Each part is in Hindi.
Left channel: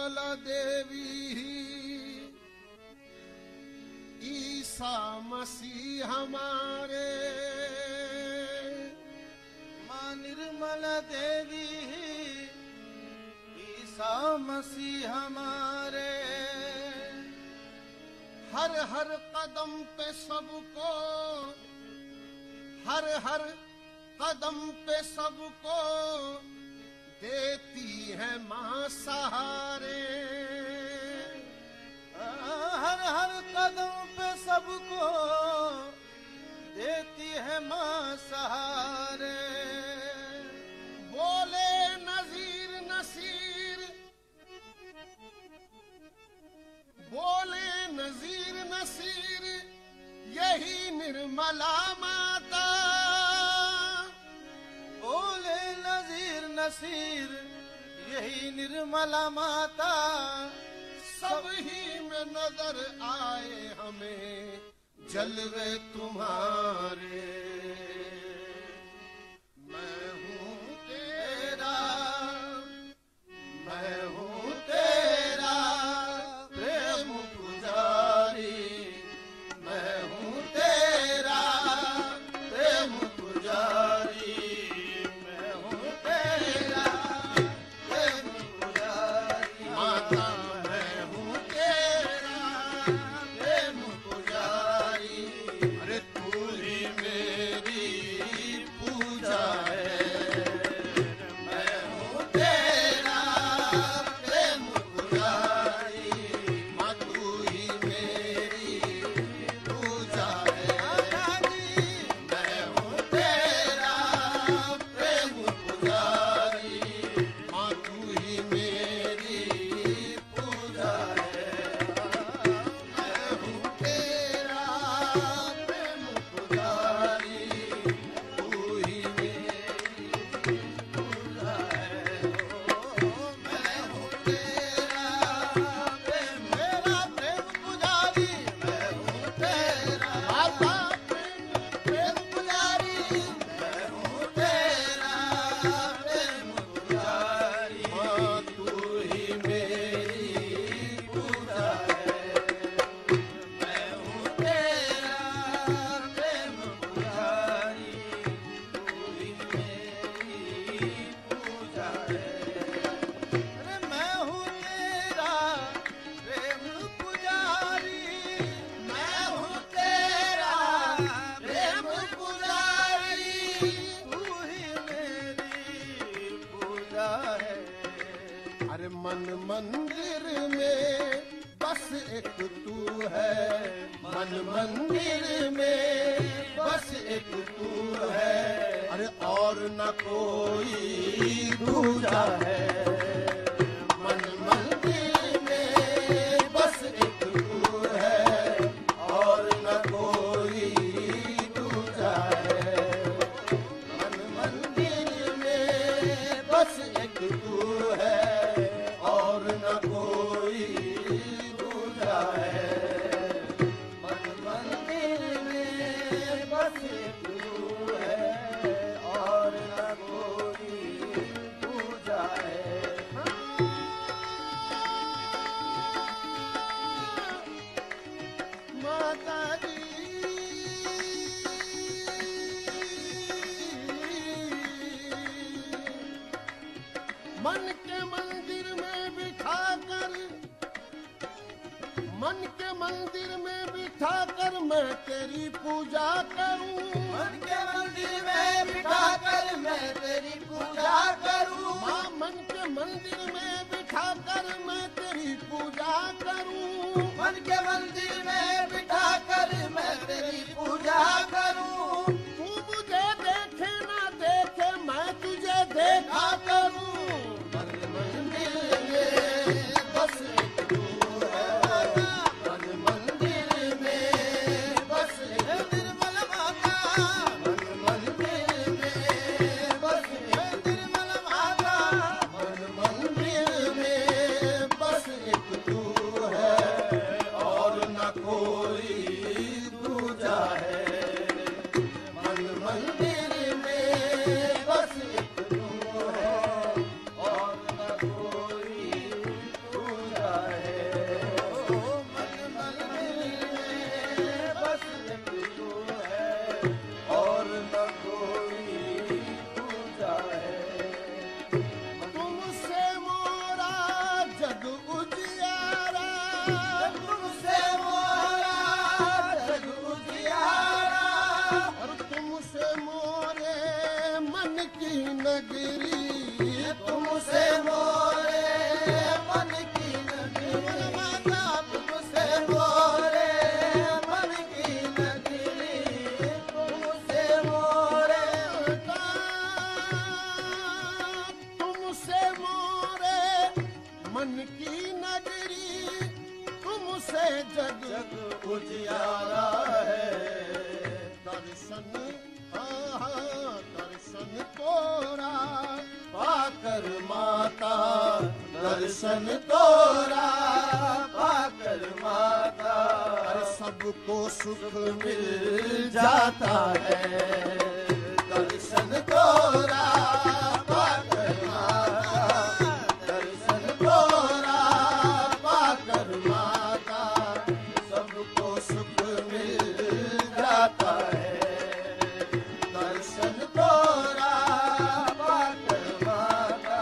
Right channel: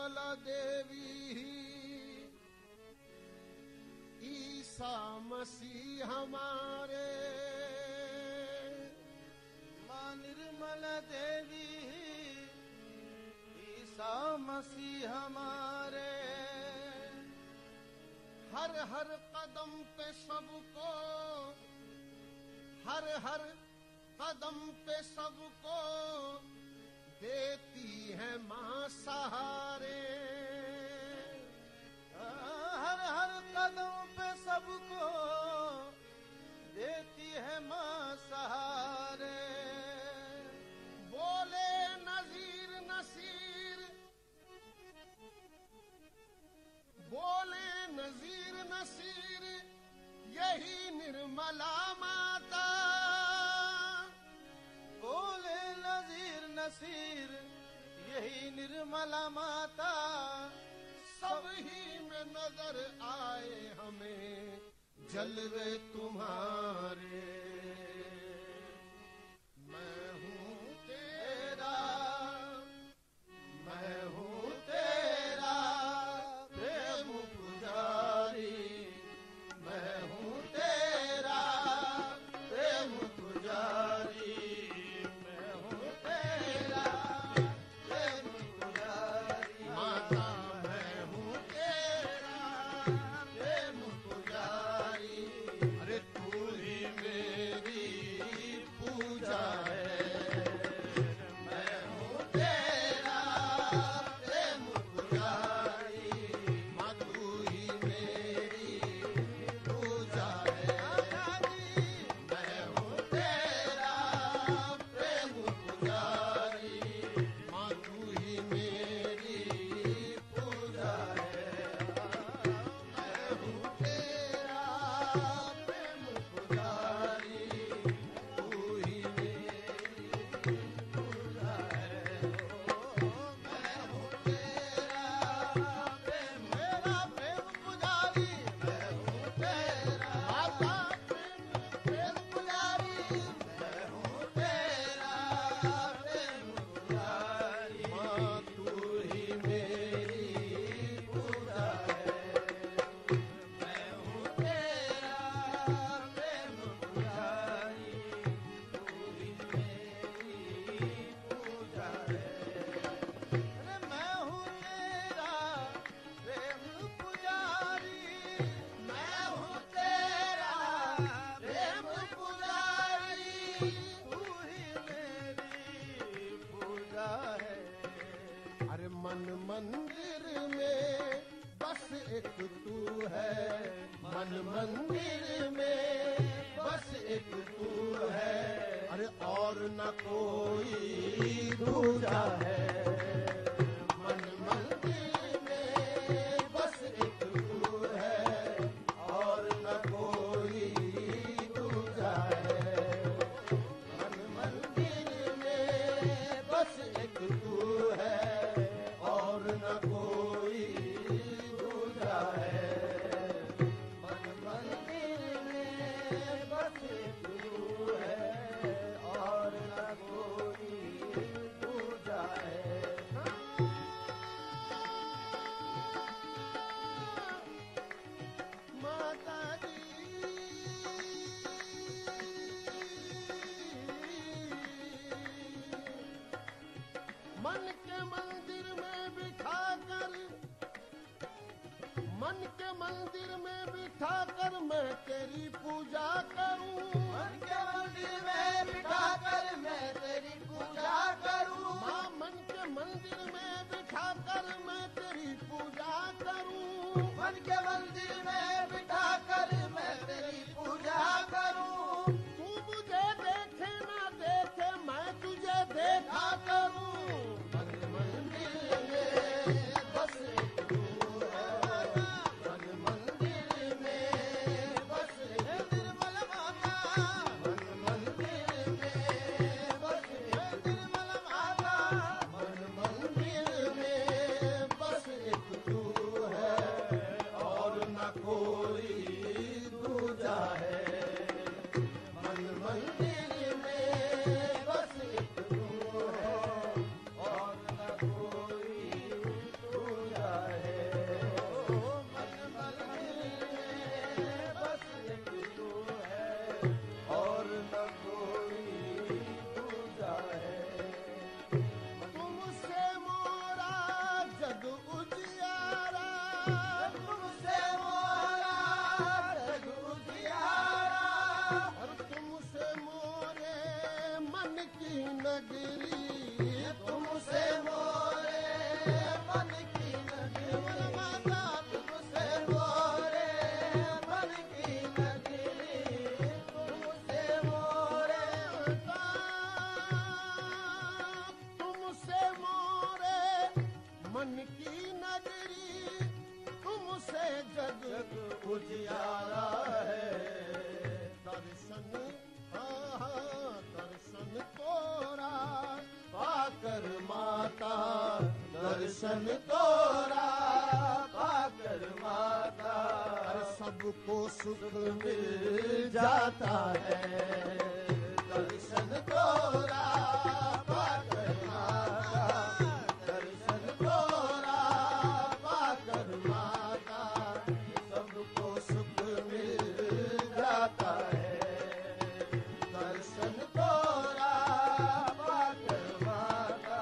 निर्मला देवी ईसा मसीह हमारे, माँ निर्मला देवी ईसा मसीह हमारे, हर हर कदम पे सबको, हर हर कदम पे सबको देती है माँ सहारे। हर हर कदम पे सबको देती है माँ सहारे। बोले नजीर नसीर, बोले नजीर नसीर यही निर्मला माता। बोले नजीर नसीर यही निर्मला माता। सब ही में नजर आए हमें जलवे तुम्हारे। मैं हूँ तेरा, मैं हूँ तेरा प्रेम पुजारी, मैं हूँ तेरा प्रेम पुजारी, मैं हूँ तेरा प्रेम पुजारी। माता मैं हूँ तेरा प्रेम पुजारी, अरे तू ही मेरी पूजा है। मैं हूँ तेरा प्रेम पुजारी, माँ तू ही मेरी पूजा है। मैं हूँ तेरा प्रेम पुजारी, माँ तू ही मेरी पूजा है। मैं हूँ तेरा प्रेम पुजारी, तू ही मेरी पूजा है। मैं हूँ तेरा प्रेम, मेरा प्रेम पुजारी, मैं हूँ तेरा माता प्रेम पुजारी, मैं हूँ तेरा प्रेम पुजारी, माँ तू ही मेरी पूजा है। मैं हूँ तेरा प्रेम पुजारी, तू ही मेरी पूजा है। अरे मैं हूँ तेरा प्रेम पुजारी, मैं हूँ तेरा प्रेम पुजारी, तू ही मेरी पूजा है। अरे मन मंदिर में बस एक तू है, मन मंदिर में बस एक तू है, अरे और न कोई दूजा है। मन मंदिर में बस एक तू है और न कोई दूजा है। मन मंदिर में बस एक तू है और न कोई दूजा है। मन मंदिर में बस एक तू है और न कोई दूजा है। माता जी मन के मंदिर में बिठाकर, मन के मंदिर में बिठाकर मैं तेरी पूजा करूं। मन के मंदिर में बिठाकर मैं तेरी पूजा करूं। माँ मन के मंदिर में बिठाकर मैं तेरी पूजा करूं। मन के मंदिर में बिठाकर मैं तेरी पूजा करूं। तू मुझे देखे ना देखे मैं तुझे देखा करूं। मन मंदिर में बस एक तू है, मन मंदिर में बस एक निर्मल माता, मन मंदिर में बस एक निर्मल माता, मन मंदिर में बस एक तू है और न मन की नगरी तुमसे जग जग उजियारा है। दर्शन दर्शन तोरा पाकर माता दर्शन तोरा पाकर माता सबको सुख मिल जाता है। दर्शन तोरा पाकर माता दर्शन तोरा पाकर माता सबको सुख मिल जाता है। दर्शन तोरा पाकर माता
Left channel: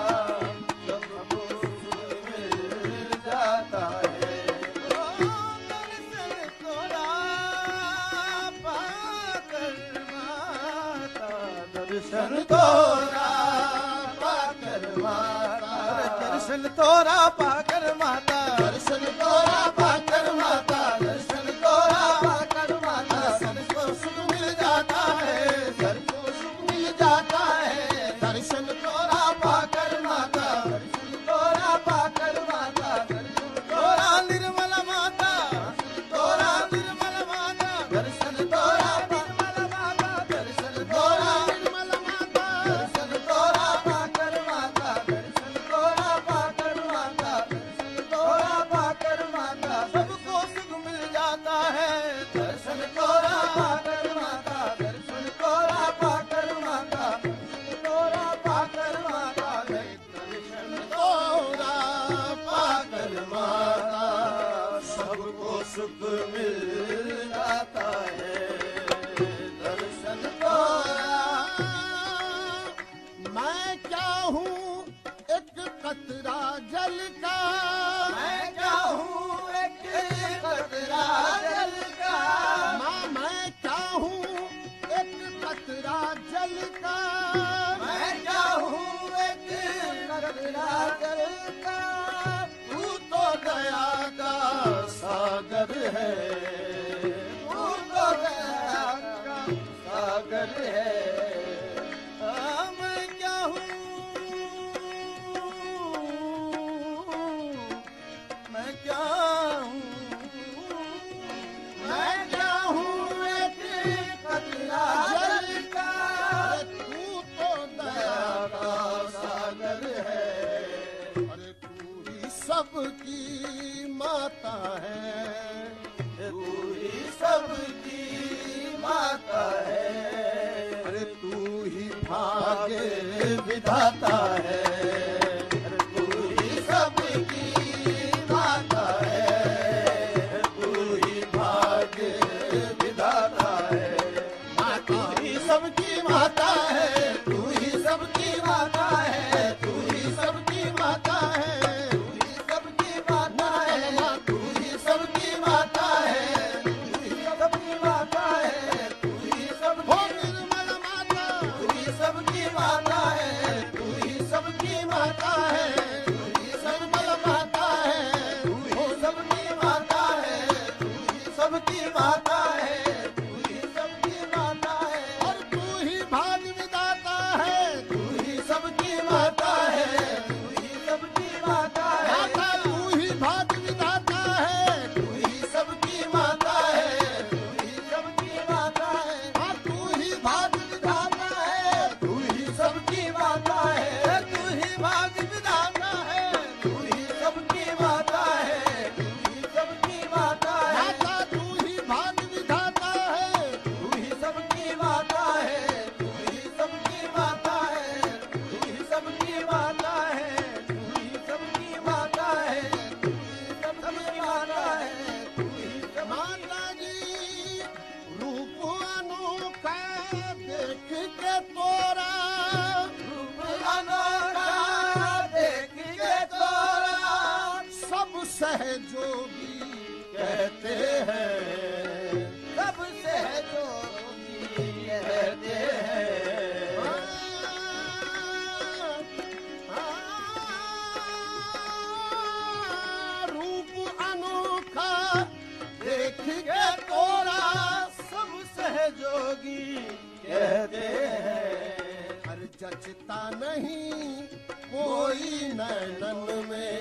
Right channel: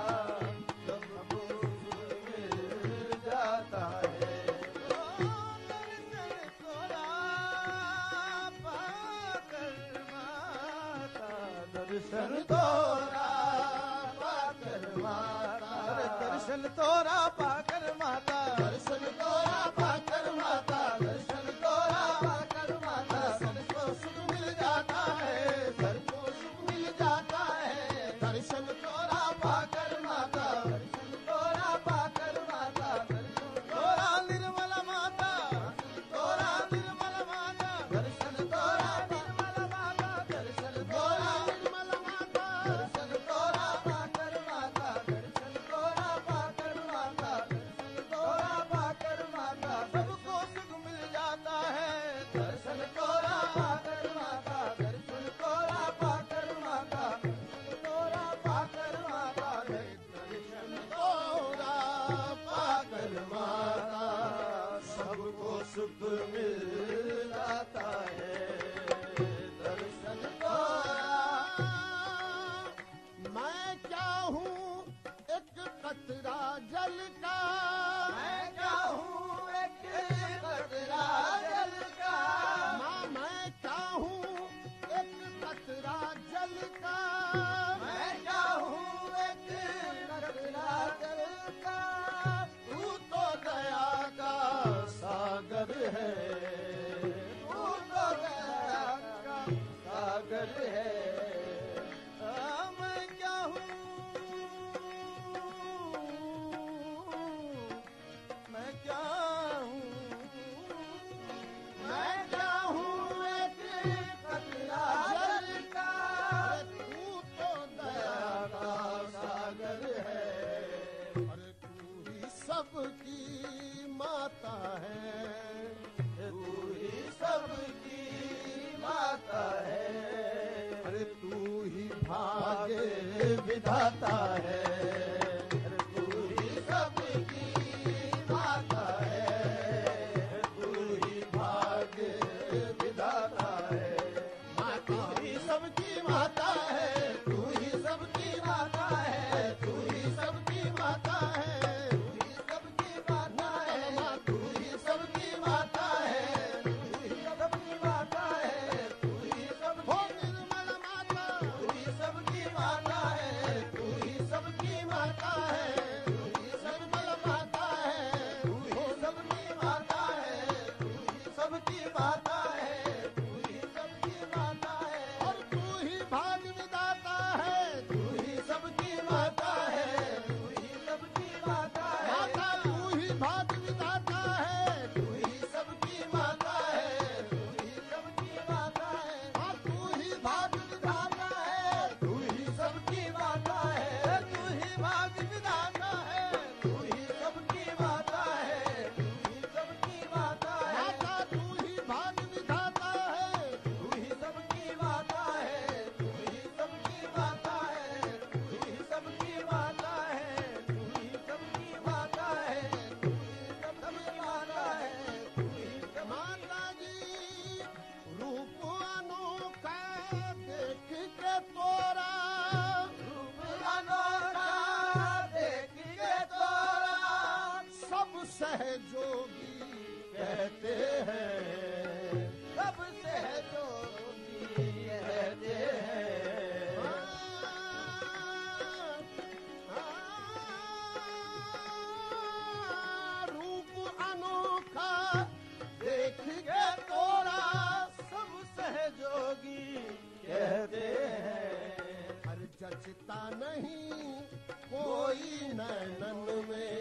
सबको सुख मिल जाता है। दर्शन तोरा पाकर माता दर्शन तोरा पाकर माता दर्शन तोरा पाकर माता दर्शन तोरा पाकर माता दर्शन तोरा पाकर माता सबको सुख मिल जाता है। सबको सुख मिल जाता है। दर्शन तोरा पाकर माता दर्शन तोरा पाकर माता दर्शन तोरा निर्मल माता तोरा निर्मल माता दर्शन तोरा निर्मल माता दर्शन तोरा निर्मल माता दर्शन तोरा पाकर माता दर्शन तोरा पाकर माता दर्शन तोरा पाकर माता सबको सुख मिल जाता है। दर्शन तोरा पाकर माता दर्शन तोरा पाकर माता दर्शन तोरा पाकर माता दर्शन तोरा पाकर माता सबको सुख मिल जाता है। दर्शन तोरा मैं क्या हूँ एक कतरा जल का मैं क्या हूँ एक कतरा जल का मैं क्या हूँ एक कतरा जल का मैं क्या हूँ एक कतरा जल का तू तो दया का सागर है। तू तो दया का सागर है। मैं क्या हूँ मैं क्या हूँ मैं क्या हूँ एक कतरा जल का तू तो दया का सागर है। अरे तू ही सबकी माता है। तू ही सबकी माता है। अरे तू ही भाग्य विधाता है। तू ही सबकी माता है। तू ही भाग्य विधाता है। तू ही सबकी माता है। तू ही सबकी माता है। तू ही सबकी माता है। तू ही सबकी माता है। तू ही सबकी माता है। तू ही सबकी माता है। तू ही सबकी निर्मल माता तू ही सबकी माता है। तू ही सबकी माता है। तू ही सबकी माता है। तू ही सबकी माता है। तू ही सबकी माता है। तू ही सबकी माता है। और तू ही भाग विधाता है। तू ही सबकी माता है। तू ही सबकी माता है। माता तू ही भाग विधाता है। तू ही सबकी माता है। तू ही सबकी माता है। हाँ तू ही भाग विधाता है। तू ही सबकी माता है। तू ही भाग विधाता है। तू ही सबकी माता है। तू ही सबकी माता है। माता तू ही भाग विधाता है। तू ही सबकी माता है। तू ही सबकी माता है। तू ही सबकी माता है। तू ही सबकी माता है। तू ही सबकी माता है। तू ही माता जी रूप अनोखा देख के तोरा रूप अनोखा देख के तोरा सब सहजोगी कहते हैं। सब सहजोगी कहते हैं। रूप अनोखा देख के तोरा सब सहजोगी कहते हैं। पर जचता नहीं कोई नैनन में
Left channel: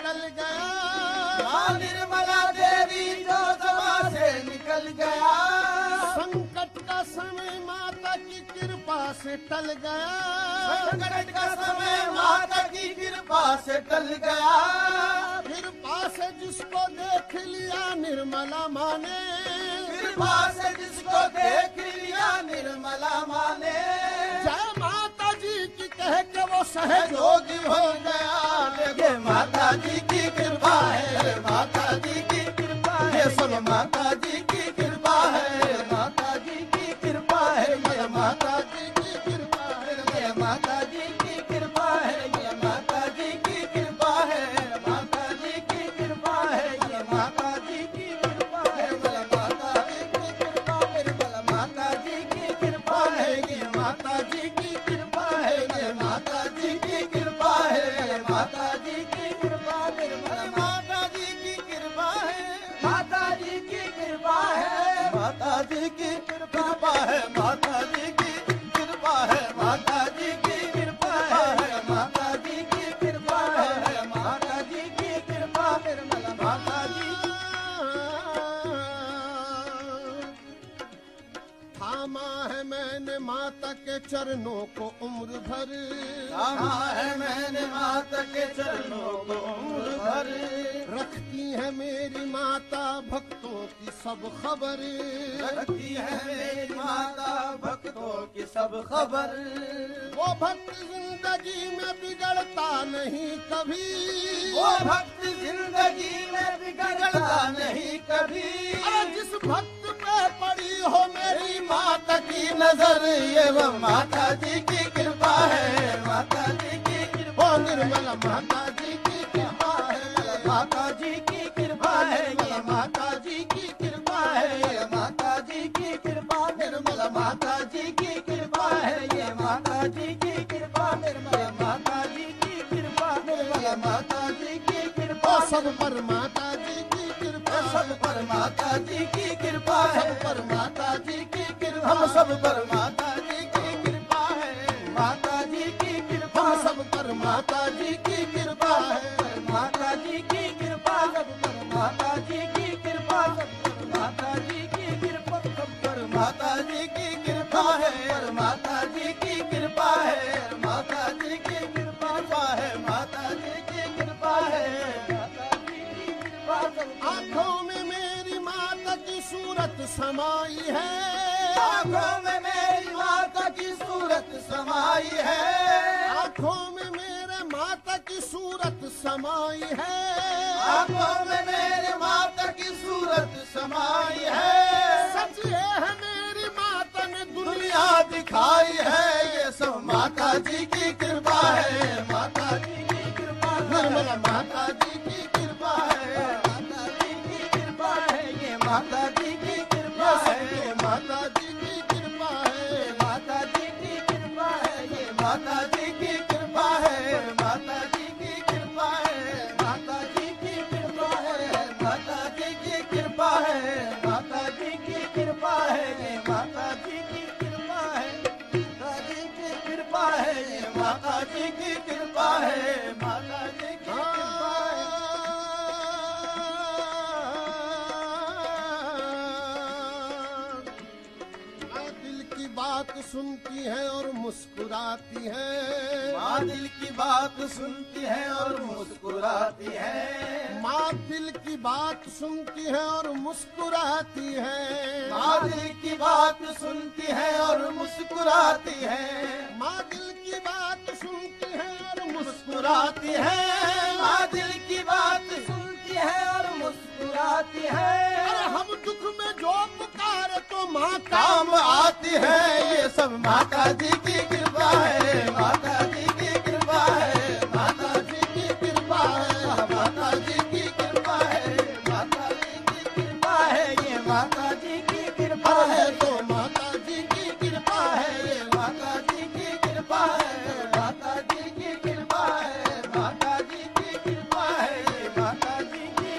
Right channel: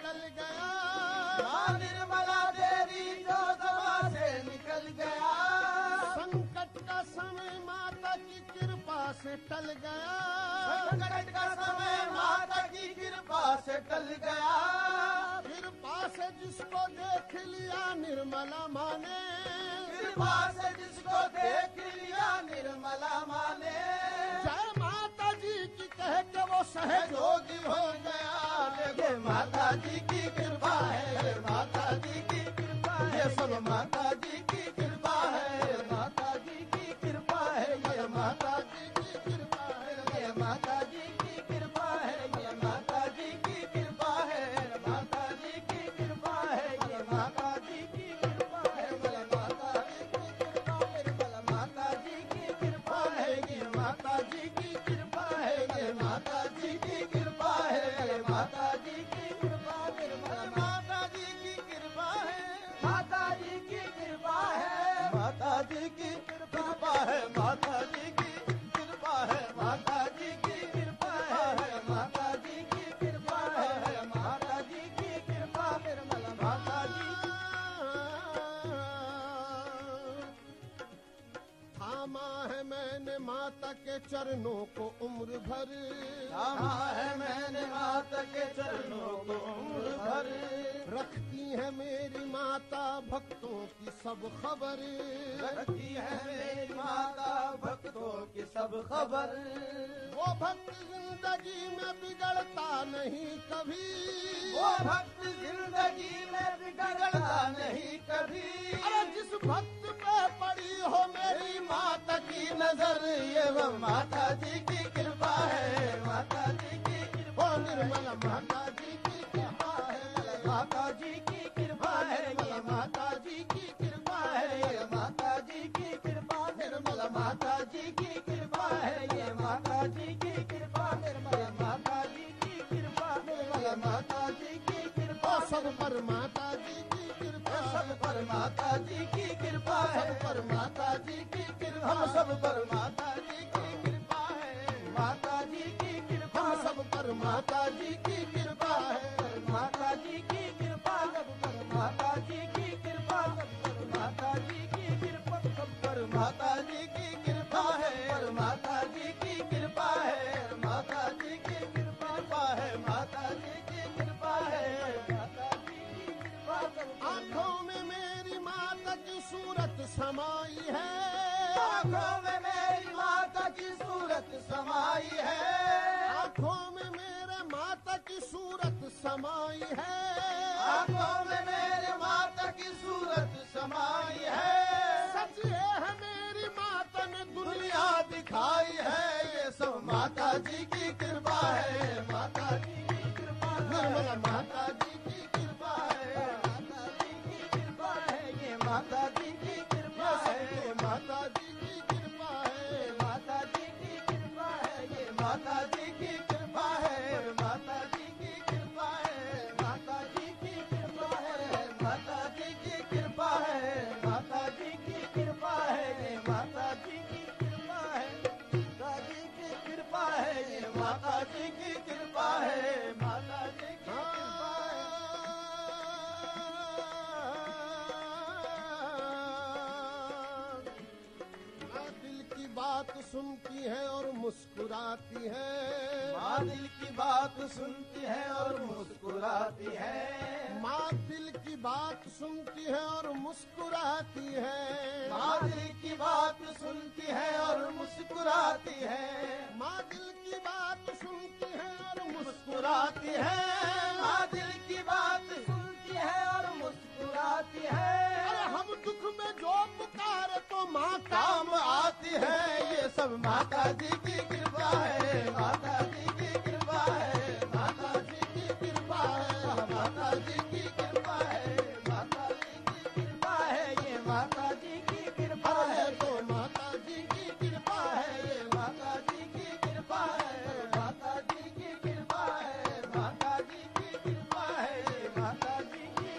टल गया, माँ निर्मला देवी जो सभा से निकल गया, संकट का समय माता की कृपा से टल गया, संकट का समय माता की कृपा से टल गया, कृपा से जिसको देख लिया निर्मला माँ ने, कृपा से जिसको देख लिया निर्मला माँ ने, जय माता जी की कह के वो सहयोगी हो गया। ये माता जी की कृपा है, माता जी की कृपा है, सब माता जी की कृपा है, माता जी की कृपा है, ये माता जी की कृपा है, ये माता जी की कृपा है, ये माता जी की कृपा है, माता जी की कृपा है, ये माता जी की कृपा है, माता जी की कृपा है, माता जी की कृपा है, ये माता जी की कृपा है, ये माता जी की कृपा है, माता जी की कृपा है, माता जी की कृपा है, माता जी की कृपा है, माता जी की कृपा है, माता जी की कृपा है, माता जी की कृपा है, माता जी की कृपा है, माता जी की कृपा है, माता जी थामा है मैंने माता के चरणों को उम्र भर, थामा है मैंने माता के चरणों को उम्र भर, रखती है मेरी माता भक्तों की सब खबर, रखती है मेरी माता भक्तों की सब खबर, वो भक्त जिंदगी में बिगड़ता नहीं कभी, वो भक्त जिंदगी में बिगड़ता नहीं कभी, अरे जिस भक्त पे पड़ी हो मेरी माता की नजर, ये वो माता जी की कृपा है, माता जी की कृपा, ओ निर्मला माता जी की कृपा है, माता जी की कृपा है, ये माता जी की कृपा है, ये माता जी की कृपा, निर्मला माता जी की कृपा है, ये माता जी की कृपा, निर्मला माता जी की कृपा, निर्मला माता जी की कृपा, ओ सब पर माता जी की कृपा, सब पर माता जी की कृपा है, सब पर माता जी की कृपा, हम सब पर माता जी की कृपा है, माता जी की कृपा, हम सब पर माता जी की कृपा है, माता जी की कृपा, सब पर माता जी की कृपा, सब पर माता जी की कृपा, सब पर माता जी की कृपा है, माता जी की कृपा है, माता जी की कृपा है, माता जी की कृपा है, माता जी की कृपा, सब आंखों में मेरी माता की सूरत समाई है, आँखों में मेरी माता की सूरत समाई है, आंखों में मेरे माता की सूरत समाई है, आँखों में मेरे माता की सूरत समाई है, सच है मेरी माता ने दुनिया दुनिया दिखाई है, ये सब माता जी की कृपा है, माता जी की कृपा, निर्मला माता जी की कृपा है, माता जी की कृपा है, ये माता जी की कृपा है, ये माता जी की कृपा है, माता जी की कृपा है, ये माता जी की कृपा है, माता जी की कृपा है, माता जी की कृपा है, माता जी की कृपा है, माता जी की कृपा है, ये माता जी की कृपा है, माता जी की कृपा है, ये माता जी की कृपा है, माता जी की कृपा है। माँ दिल की बात सुनती है और मुस्कुराती है, माँ दिल की बात सुनती है और मुस्कुराती है, माँ दिल की बात सुनती है और मुस्कुराती है, माँ दिल की बात सुनती है और मुस्कुराती है, माँ दिल की बात सुनती है और मुस्कुराती है, माँ दिल की बात सुनती है और मुस्कुराती है, अरे हम दुख में जो पुकारे तो माँ काम आती है, ये सब माता जी की कृपा है, माता जी की कृपा है, माता जी की कृपा है, माता जी की कृपा है, माता जी की कृपा है, ये माता जी की कृपा है, तो माता जी की कृपा है, ये माता जी की कृपा है, माता जी की कृपा है, माता जी की कृपा है, ये माता जी की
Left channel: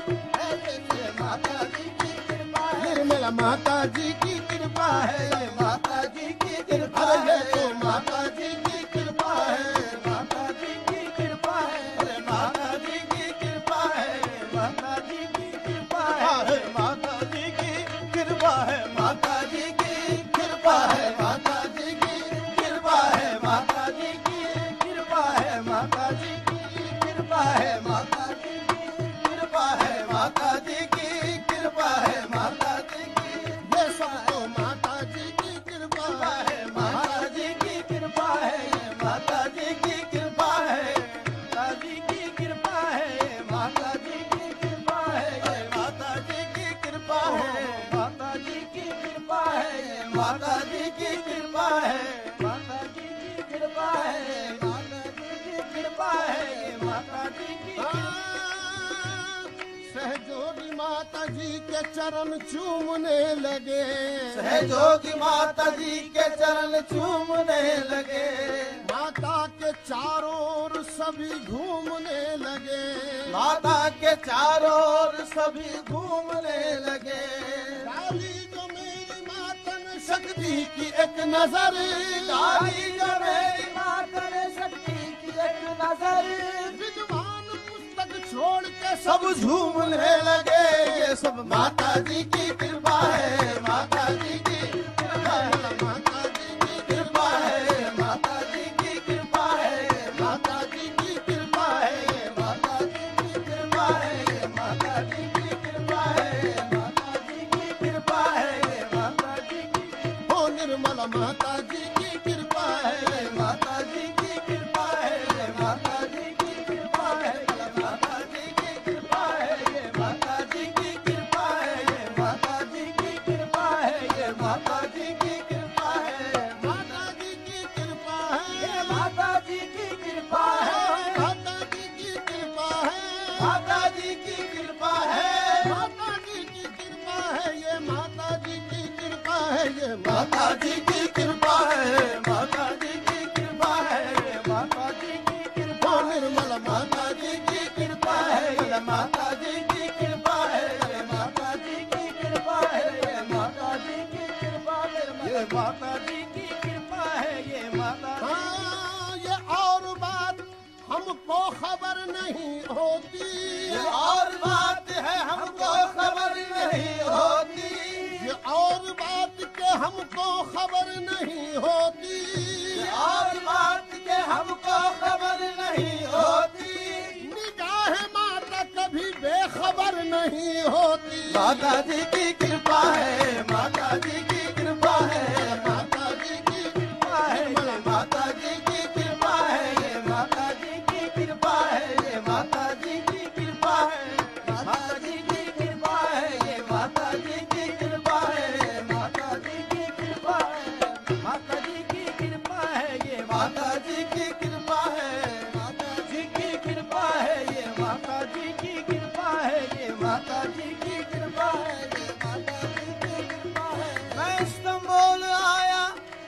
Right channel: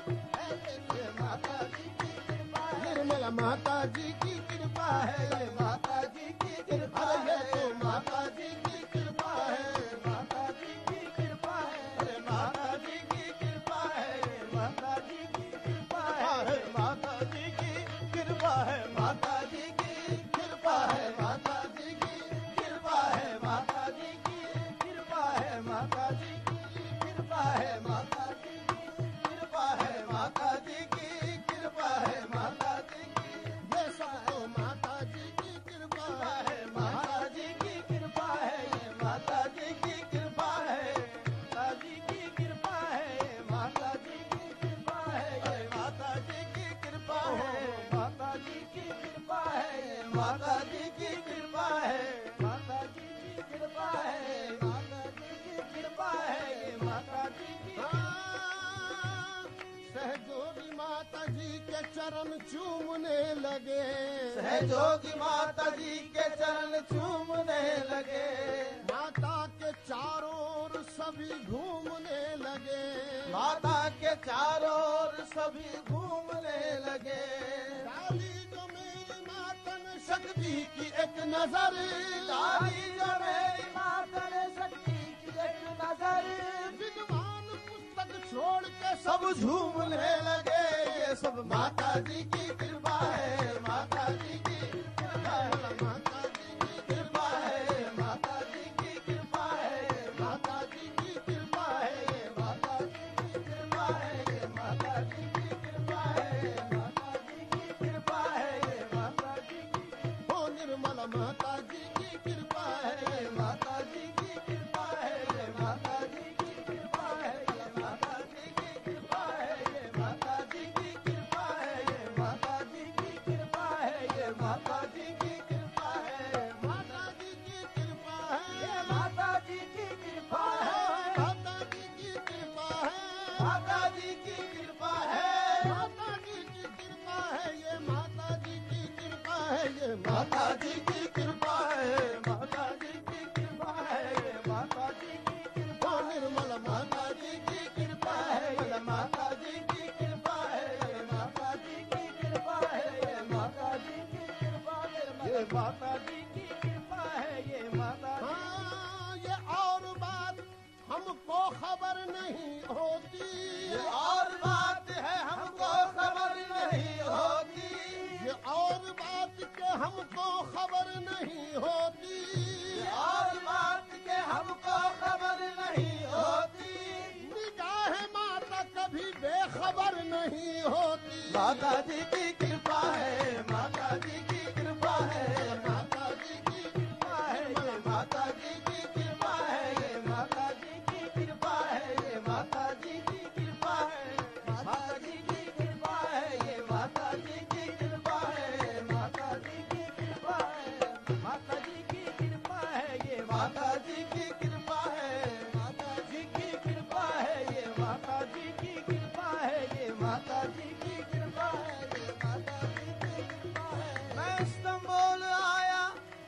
ये माता जी की कृपा है, निर्मला माता जी की कृपा है, माता जी की कृपा है, तो माता जी की कृपा है, माता जी की कृपा है, माता जी की कृपा है, माता जी की कृपा है, माता जी की कृपा है, माता जी की कृपा है, माता जी की कृपा है, माता जी की कृपा है, माता जी की कृपा है, माता जी की ये सब तो माता जी की कृपा है। माता जी की कृपा है, माता जी की कृपा है, माता जी की कृपा है, माता जी की कृपा है, माता जी की कृपा है, माता जी की कृपा है, माता जी की कृपा है, माता जी की कृपा है, माता जी की कृपा है, माता जी की सहजोगी माता जी के चरण चूमने लगे। सहजोगी माता जी के चरण चूमने लगे, माता के चारों ओर सभी घूमने लगे। माता के चारों ओर सभी घूमने लगे। डाली जो मेरी माता ने शक्ति की एक नजर, डाली जो मेरी माता ने शक्ति की एक नजर, विद्वान पुस्तक छोड़ के सब झूमने लगे। ये सब माता जी की कृपा है, माता जी की कृपा है, माता जी की कृपा है, माता जी की कृपा है, माता जी की कृपा है, माता जी की कृपा है, माता जी की कृपा है, माता जी की कृपा है, माता जी की हो निर्मल माता जी की कृपा है। माता जी की कृपा है, माता जी की कृपा है, माता जी की कृपा है, माता जी की कृपा है, माता जी की कृपा है, माता जी की कृपा है, माता जी की कृपा है। माता जी की कृपा है, माता जी की कृपा है। माता जी की कृपा है, माता जी की कृपा है। ये माता जी की कृपा है। ये माता जी की कृपा है, माता जी की कृपा है, माता जी की कृपा है, निर्मल माता जी की कृपा है, माता जी की कृपा है, माता जी की कृपा है, माता जी की कृपा है, ये माता जी की कृपा है, ये माता हाँ, ये और बात हमको खबर नहीं होती। ये और बात है हमको खबर नहीं होती, ये और बात के हमको खबर नहीं होती। और बात के हमको खबर नहीं होती। निगाह माता कभी बेखबर नहीं होती। माता जी की कृपा है, माता जी की कृपा है, माता जी की कृपा है, माता जी की कृपा है, माता जी की कृपा है, माता जी की कृपा है, माता जी की कृपा है, माता जी की कृपा है, माता जी की कृपा है, माता जी की कृपा है, ये माता जी की कृपा है, माता जी की कृपा है, ये माता जी की कृपा है, ये माता जी की कृपा है, ये माता जी की कृपा है। मैं इस्तांबुल आया,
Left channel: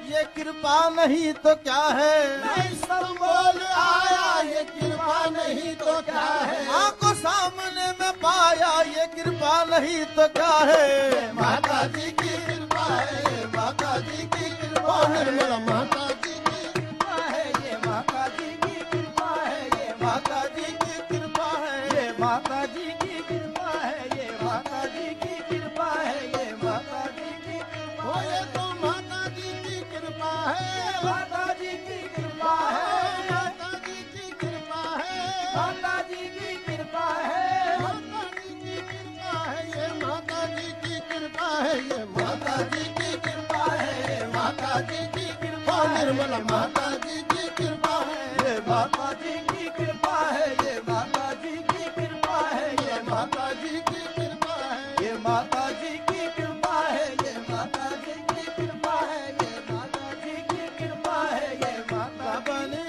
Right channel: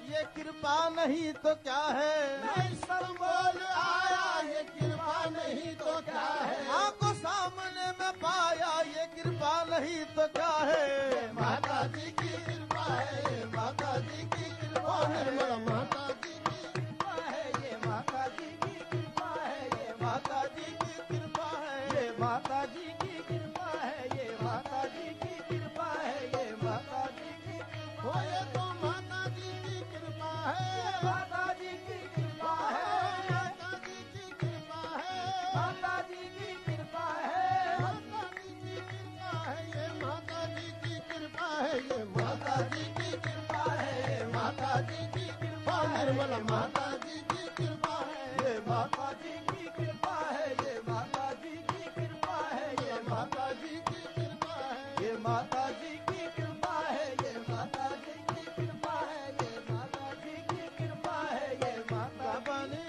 ये कृपा नहीं तो क्या है, मैं इस्तांबुल आया, ये कृपा नहीं तो क्या है। आंखों सामने में पाया, ये कृपा नहीं तो क्या है। माता जी की कृपा है, माता जी की कृपा है, निर्मल माता जी की कृपा है, ये माता जी की कृपा है, ये माता जी की कृपा है, ये माता जी की कृपा है, ये माता जी की कृपा है, ये माता जी की कृपा हो। है, ये तो माता जी की कृपा है। माता जी की कृपा है, माता जी की कृपा है। माता जी की कृपा है, माता जी की कृपा है। ये माता जी की कृपा है। ये माता जी की कृपा है। माता जी की कृपा। निर्मल माता जी की कृपा है। ये माता जी की कृपा है, ये माता जी की कृपा है, ये माता जी की कृपा है। ये माता जी की कृपा है, ये माता जी की कृपा है, ये माता जी की कृपा है, ये माता बलि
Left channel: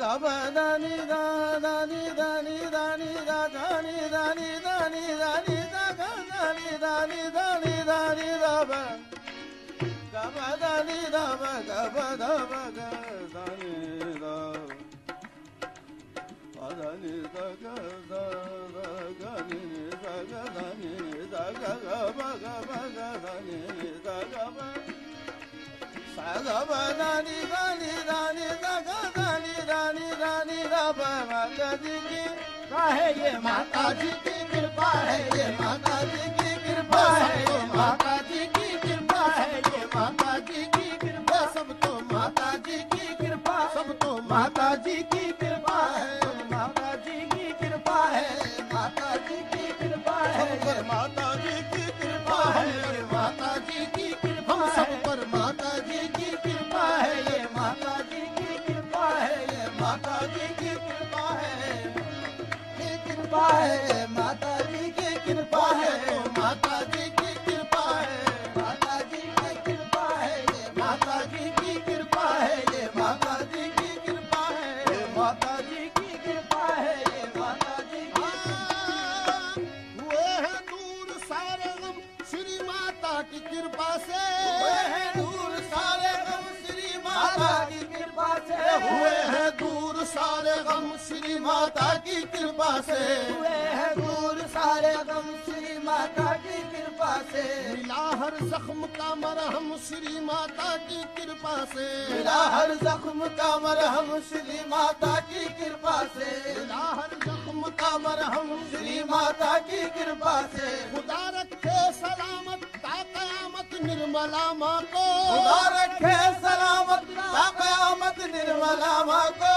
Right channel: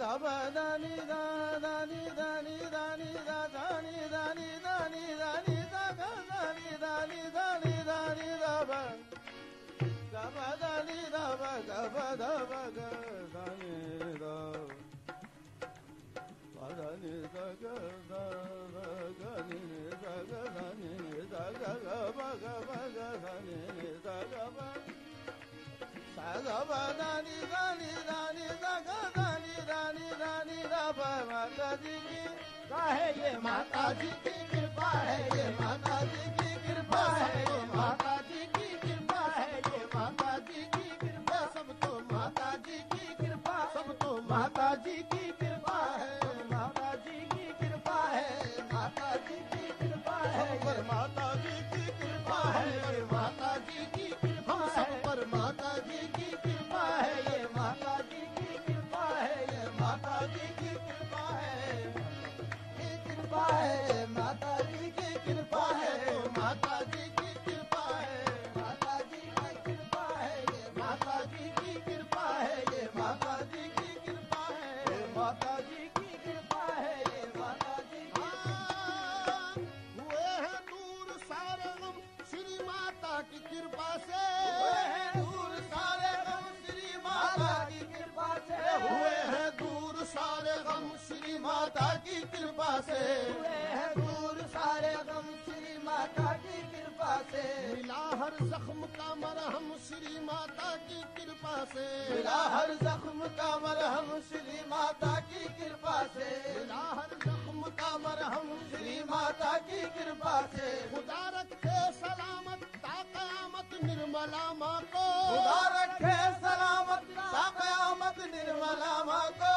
दब दानी दानी दानी दानी दानी दानी दानी दानी दानी दानी दानी दानी दब गब दानी दब गब दब दानी दब दानी दग दानी दग दानी दग गब गब दानी दग गब दानी दानी दानी दग दानी दानी दानी दब माता जी की कृपा है, ये माता जी की कृपा है, ये माता जी की कृपा है, ये माता जी की कृपा है, ये माता जी की कृपा, सब तो माता जी की कृपा, सब तो माता जी की कृपा है, माता जी की कृपा है, माता जी की कृपा है, माता जी की कृपा है, माता जी की कृपा, हम सब पर माता जी की कृपा है, ये माता जी की कृपा है, ये माता जी की कृपा है, कृपा है, माता जी की कृपा है, माता जी की कृपा है, माता जी की कृपा है, ये माता जी की कृपा है, ये माता जी की कृपा है, ये माता जी की कृपा है, ये माता जी की हुए हैं दूर सारे गम श्री माता की कृपा से, हुए हैं दूर सारे गम श्री माता की कृपा से, हुए हैं दूर सारे गम श्री माता की कृपा से, हुए हैं दूर सारे गम श्री माता की कृपा से, मिला हर जख्म का मरहम श्री माता की कृपा से, मिला हर जख्म का मरहम श्री माता की कृपा से, मिला हर जख्म का मरहम श्री माता की कृपा से, खुदा रखे सलामत ता कयामत निर्मला माँ को, खुदा रखे सलामत ता कयामत निर्मला माँ को,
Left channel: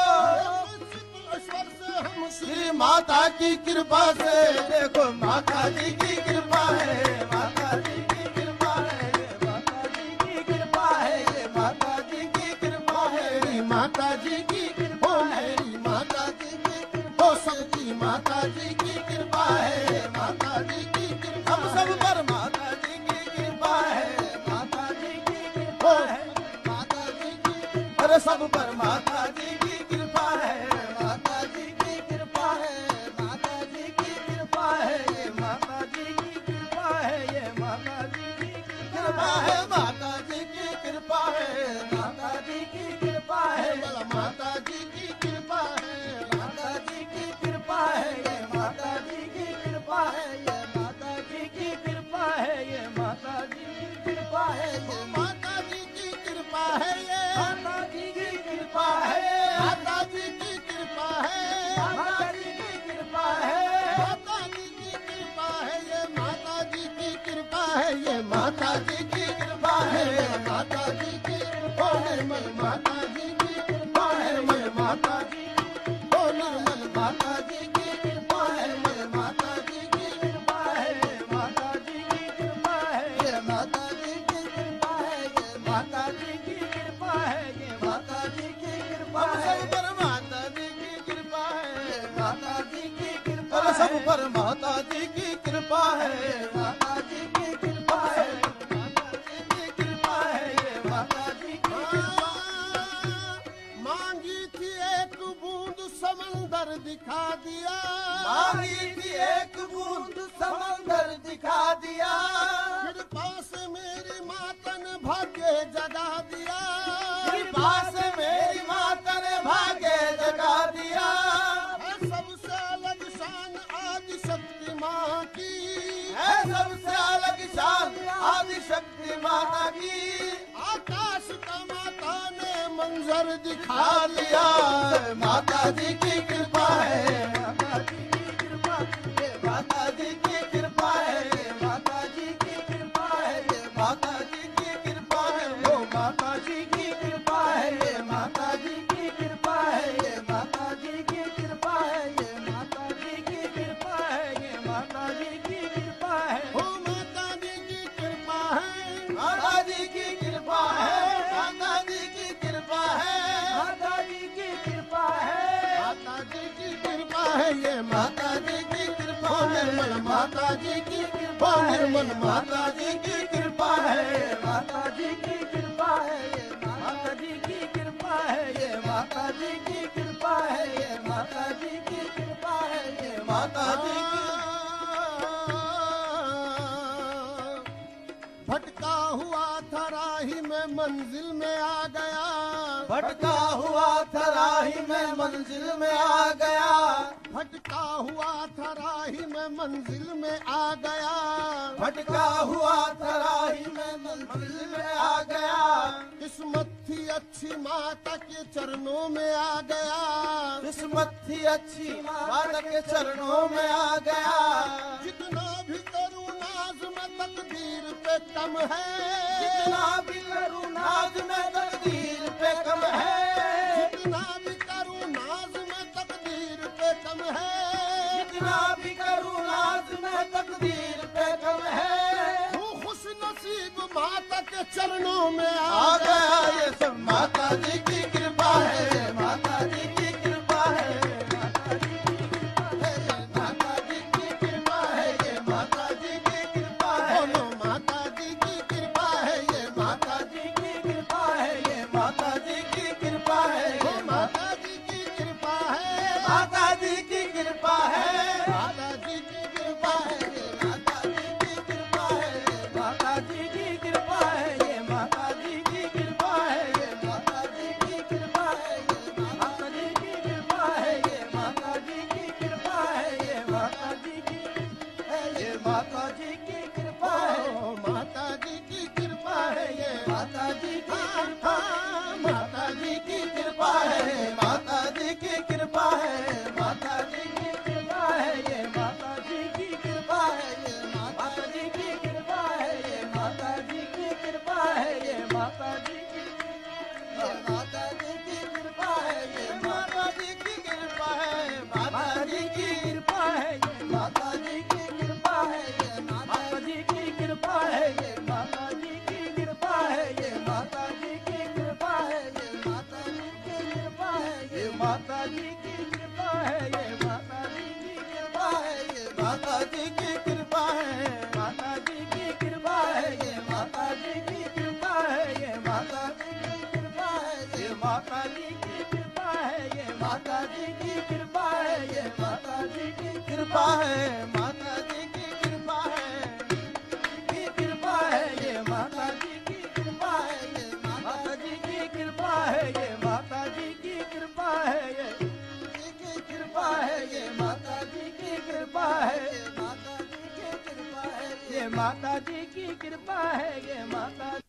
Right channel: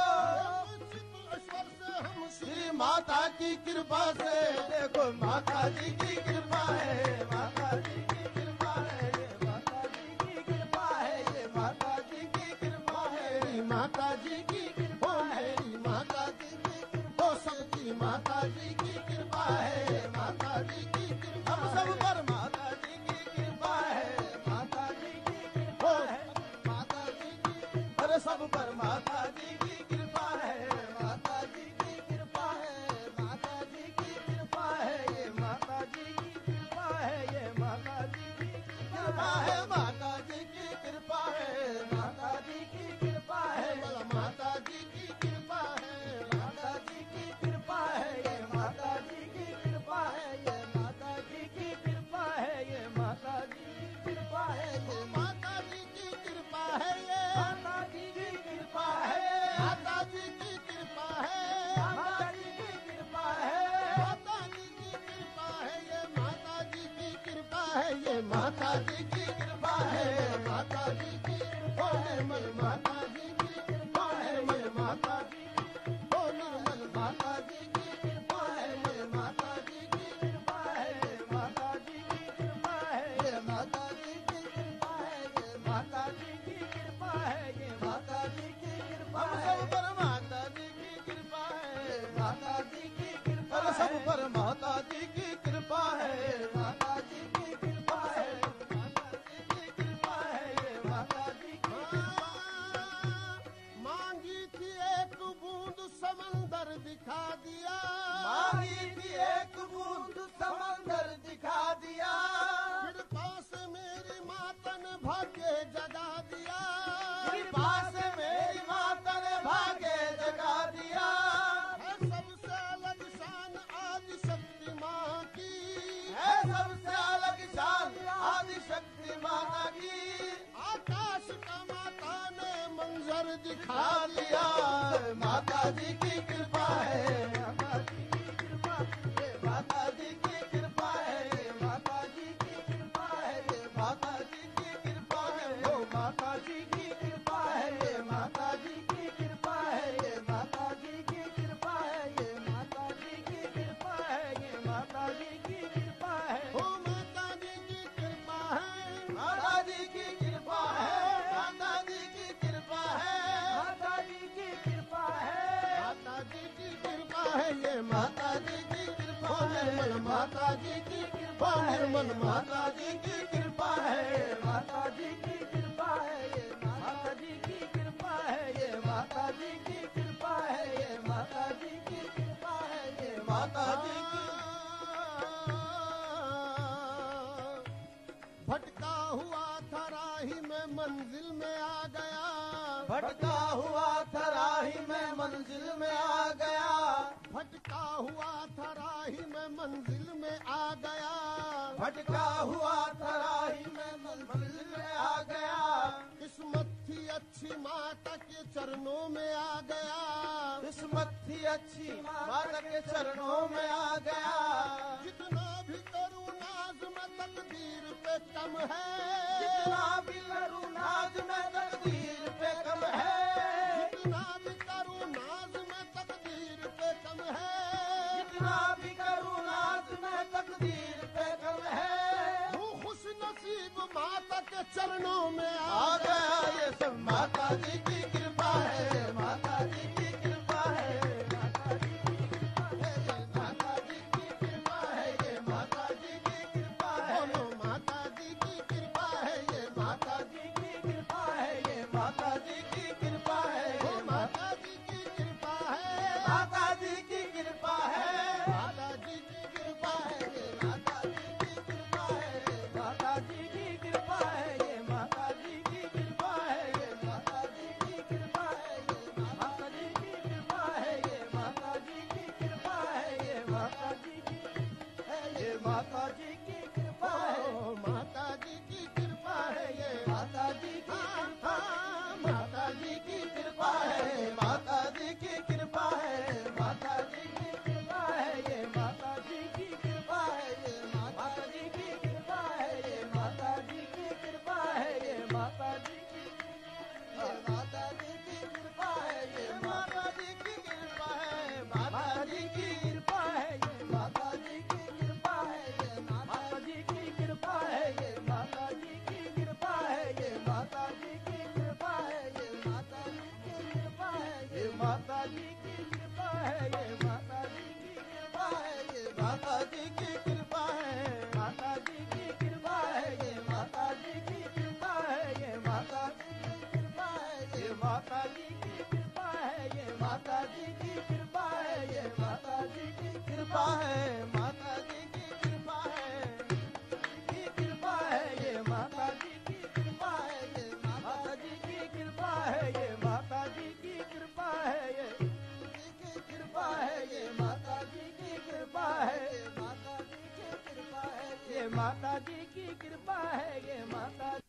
ईश्वर से हम श्री माता की कृपा से, देखो माता जी की कृपा है, माता जी की कृपा है, माता जी की कृपा है, ये माता जी की कृपा है, माता जी की कृपा है, माता जी की कृपा, सबकी माता जी की कृपा है, माता जी की कृपा, हम सब पर माता जी की कृपा है, माता जी की कृपा है, माता जी की अरे सब पर माता जी की कृपा है, माता जी की कृपा है, माता जी की कृपा है, ये माता जी की कृपा है, ये माता जी की कृपा है, माता जी की कृपा है, माता जी की कृपा है, माता जी की कृपा है, माता जी की कृपा है, ये माता जी की कृपा है, ये माता जी की कृपा है, ये माता जी की कृपा है, ये माता जी की कृपा है, ये माता जी की कृपा है, माता जी की कृपा है, माता जी की कृपा है, माता जी की कृपा है, ये माता जी की कृपा है, ये माता जी की कृपा है, माता जी की कृपा है, निर्मल माता जी की कृपा है, निर्मल माता जी ओ निर्मल माता जी की कृपा है, निर्मल माता जी की कृपा है, माता जी की कृपा है, ये माता जी की कृपा है, ये माता जी की कृपा है, ये माता जी की कृपा है, पर माता जी की कृपा है, ये माता जी की कृपा है, सब पर माता जी की कृपा है, माता जी की कृपा है, माता जी की कृपा है, ये माता जी की कृपा मांगी थी एक बूंद समंदर दिखा दिया, मांगी थी एक बूंद समंदर दिखा दिया, कृपा से मेरी माता ने भाग्य जगा दिया, कृपा से मेरी माता ने भाग्य जगा दिया, है सबसे अलग शान आदि शक्ति माँ की, है सबसे अलग शान आदि शक्ति माता की, आकाश का माता ने मंजर दिखा दिया, माता जी की कृपा है, माता जी की कृपा, ये माता जी की कृपा है, माता जी की कृपा है, ये माता जी की कृपा है, वो माता जी की कृपा है, ये माता जी की कृपा है, ये माता जी की कृपा है, ये माता जी की कृपा है, ये माता जी की कृपा है, ओ माता जी की कृपा है, माता जी की कृपा है, माता जी की कृपा है, माता जी की कृपा है, माता जी की कृपा है, ये माता जी की कृपा, निर्मल माता जी की कृपा, निर्मल माता जी की कृपा है, माता जी की कृपा है, ये माता जी की कृपा है, ये माता जी की कृपा है, ये माता जी की कृपा है, ये माता जी की भटका हुआ था राही में मंजिल में आ गया, भटका हुआ था राही में मंजिल में आ गया, भटका हुआ था राही में मंजिल में आ गया, भटका हुआ था राही में मंजिल में आ गया, किस्मत थी अच्छी माता के चरणों में आ गया, किस्मत थी अच्छी माता के चरणों में आ गया, जितना भी करूँ नाज में तकदीर पे कम है, जितना भी करूँ नाज में तकदीर पे कम है, जितना भी करूँ नाज में तकदीर पे कम है, जितना भी करूँ नाज में तकदीर पे कम है, हूँ खुश नसीब माता के चरणों में आ आ गया। गया ये सब माता जी की कृपा है, माता जी की कृपा है, माता जी की कृपा है, ये माता जी की कृपा है, बोलो माता जी की कृपा है, ये माता जी की कृपा है, ये माता जी की कृपा है, वो माता जी की कृपा है, माता जी की कृपा है, माता जी की कृपा है, ये माता जी की कृपा है, माता जी की कृपा है, ये माता जी की कृपा है, ये माता जी की कृपा है, ये माता जी की कृपा है, ये माता जी की कृपा है, ये माता जी की ये माता जी की कृपा है, ओ माता जी की कृपा है, ये माता जी की कृपा है, माता जी की कृपा है, माता जी की कृपा है, माता जी की कृपा है, ये माता जी की कृपा है, ये माता जी की कृपा है, ये माता जी की कृपा है, ये माता जी की माता जी की कृपा है, ये माता जी की कृपा है, माता जी की कृपा है, ये माता जी की कृपा है, ये माता जी की कृपा है, ये माता जी की कृपा है, ये माता जी की कृपा है, ये माता जी की कृपा है, ये माता जी की कृपा है, ये माता जी की कृपा है, ये माता जी की कृपा है, माता जी की कृपा है, ये माता जी की कृपा है, ये माता जी की कृपा है, ये माता जी की कृपा है, ये माता जी की कृपा है, ये माता जी की कृपा है, माता जी की कृपा है, की कृपा है, ये माता जी की कृपा है, ये माता जी की कृपा है, ये माता जी की कृपा है, ये की कृपा है, ये माता जी की कृपा है, ये माता जी की कृपा है, ये माता जी की कृपा है, ये माता